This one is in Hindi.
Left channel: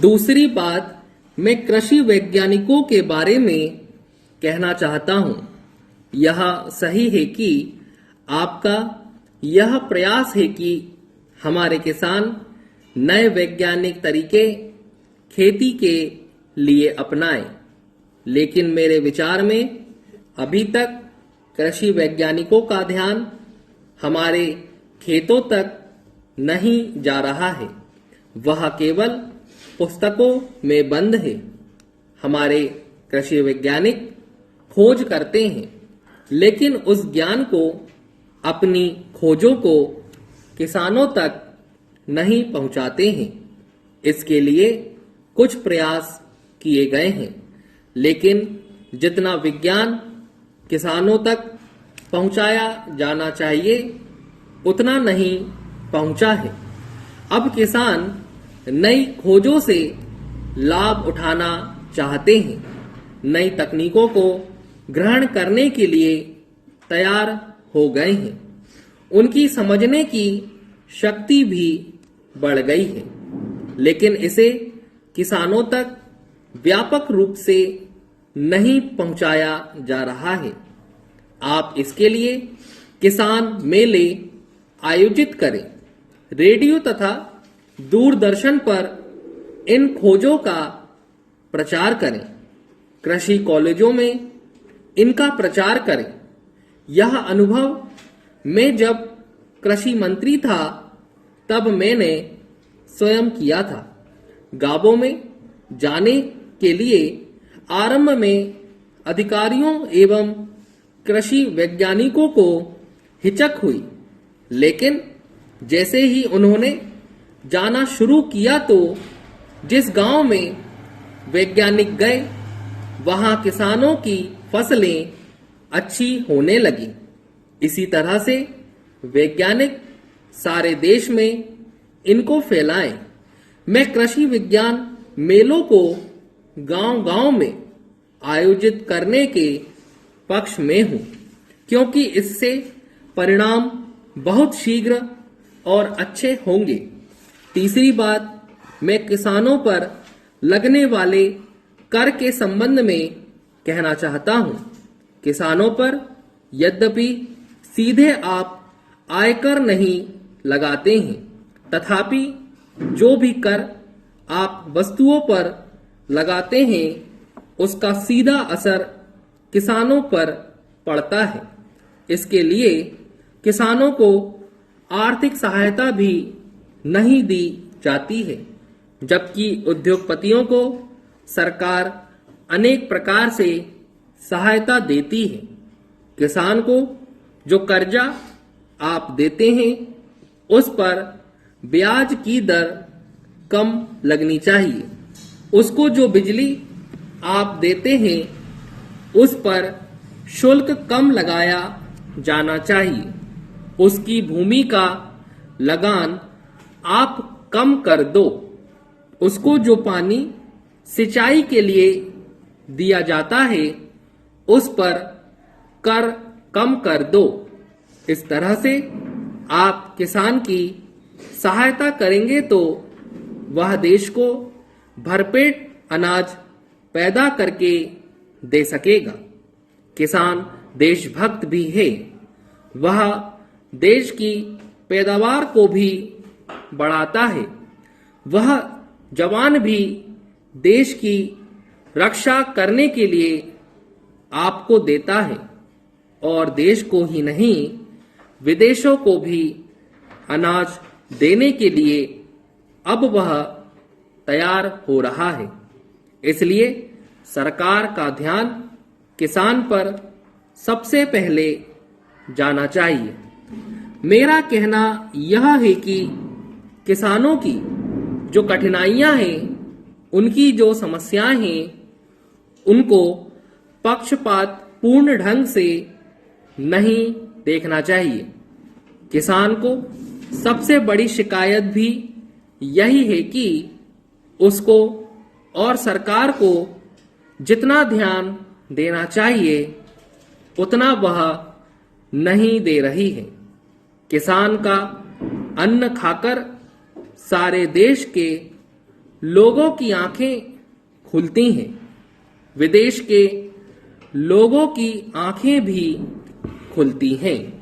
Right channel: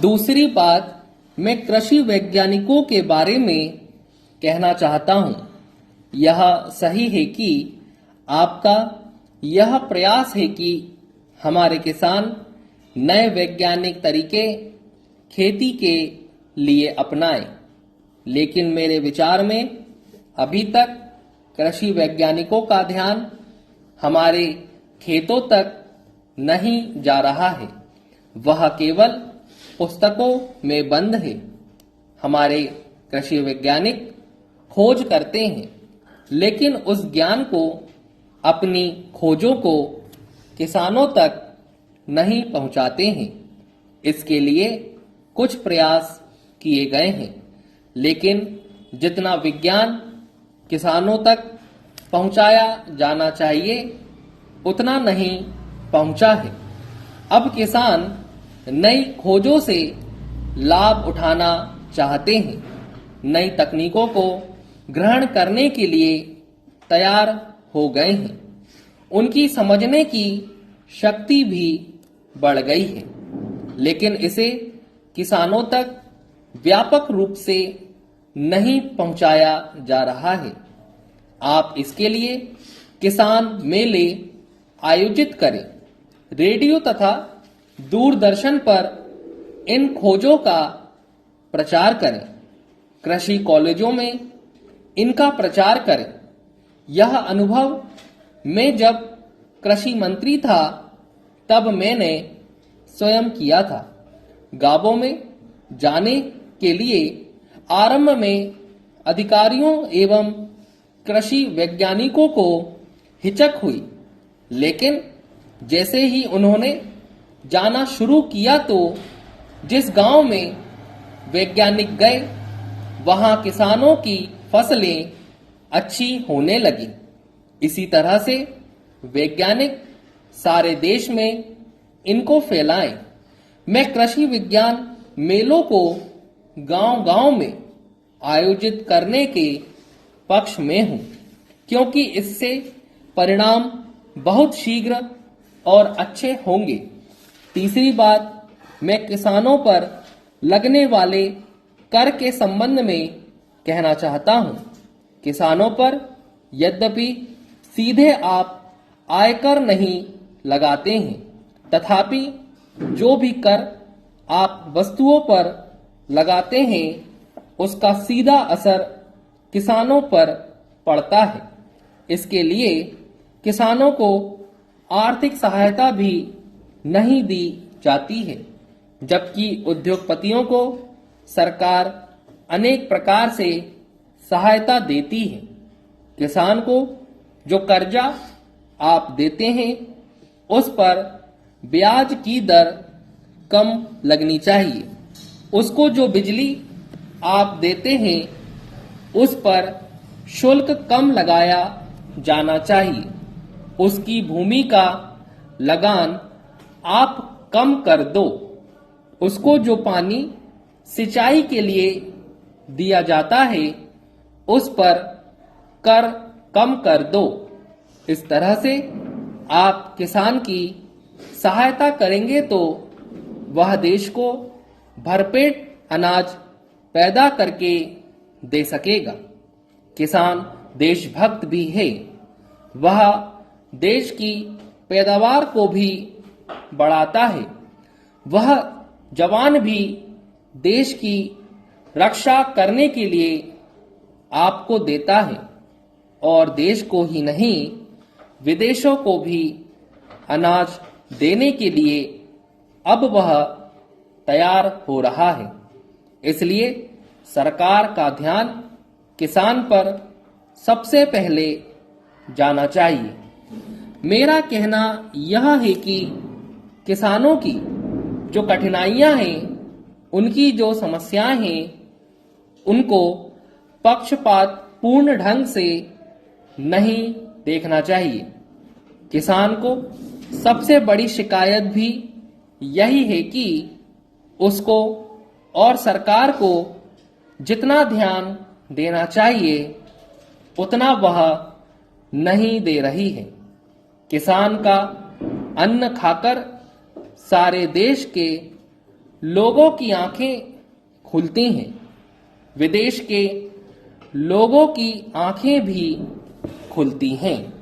दूसरी बात मैं कृषि वैज्ञानिकों के बारे में कहना चाहता हूं। यह सही है कि आपका यह प्रयास है कि हमारे किसान नए वैज्ञानिक तरीके खेती के लिए अपनाएं, लेकिन मेरे विचार में अभी तक कृषि वैज्ञानिकों का ध्यान हमारे खेतों तक नहीं जा रहा है। वह केवल पुस्तकों में बंद है। हमारे कृषि वैज्ञानिक खोज करते हैं, लेकिन उस ज्ञान को, अपनी खोजों को किसानों तक नहीं पहुंचाते हैं। इसके लिए कुछ प्रयास किए गए हैं, लेकिन जितना विज्ञान किसानों तक पहुंचाया जाना चाहिए उतना नहीं पहुंचा है। अब किसान नई खोजों से लाभ उठाना चाहते हैं, नई तकनीकों को ग्रहण करने के लिए तैयार हो गए हैं। उनकी समझने की शक्ति भी बढ़ गई है, लेकिन इसे किसानों तक व्यापक रूप से नहीं पहुंचाया जा रहा है। आप इसके लिए किसान मेले आयोजित करें, रेडियो तथा दूरदर्शन पर इन खोजों का प्रचार करें, कृषि कॉलेजों में इनका प्रचार करें। यह अनुभव मैं जब कृषि मंत्री था तब मैंने स्वयं किया था। गांवों में जाने के लिए आरंभ में अधिकारियों एवं कृषि वैज्ञानिकों को हिचक हुई, लेकिन जैसे ही उन्होंने जाना शुरू किया तो जिस गांव में वैज्ञानिक गए वहां किसानों की फसलें अच्छी होने लगी। इसी तरह से वैज्ञानिक सारे देश में इनको फैलाएं। मैं कृषि विज्ञान मेलों को गांव-गांव में आयोजित करने के पक्ष में हूं, क्योंकि इससे परिणाम बहुत शीघ्र और अच्छे होंगे। तीसरी बात, मैं किसानों पर लगने वाले कर के संबंध में कहना चाहता हूं। किसानों पर यद्यपि सीधे आप आयकर नहीं लगाते हैं, तथापि जो भी कर आप वस्तुओं पर लगाते हैं उसका सीधा असर किसानों पर पड़ता है। इसके लिए किसानों को आर्थिक सहायता भी नहीं दी जाती है, जबकि उद्योगपतियों को सरकार अनेक प्रकार से सहायता देती है। किसान को जो कर्जा आप देते हैं उस पर ब्याज की दर कम लगनी चाहिए। उसको जो बिजली आप देते हैं उस पर शुल्क कम लगाया जाना चाहिए। उसकी भूमि का लगान आप कम कर दो। उसको जो पानी सिंचाई के लिए दिया जाता है उस पर कर कम कर दो। इस तरह से आप किसान की सहायता करेंगे तो वह देश को भरपेट अनाज पैदा करके दे सकेगा। किसान देशभक्त भी है। वह देश की पैदावार को भी बढ़ाता है। वह जवान भी देश की रक्षा करने के लिए आपको देता है और देश को ही नहीं विदेशों को भी अनाज देने के लिए अब वह तैयार हो रहा है। इसलिए सरकार का ध्यान किसान पर सबसे पहले जाना चाहिए। मेरा कहना यह है कि किसानों की जो कठिनाइयां हैं, उनकी जो समस्याएं हैं, उनको पक्षपात पूर्ण ढंग से नहीं देखना चाहिए। किसान को सबसे बड़ी शिकायत भी यही है कि उसको और सरकार को जितना ध्यान देना चाहिए उतना वह नहीं दे रही है। किसान का अन्न खाकर सारे देश के लोगों की आंखें खुलती हैं, विदेश के लोगों की आंखें भी खुलती हैं।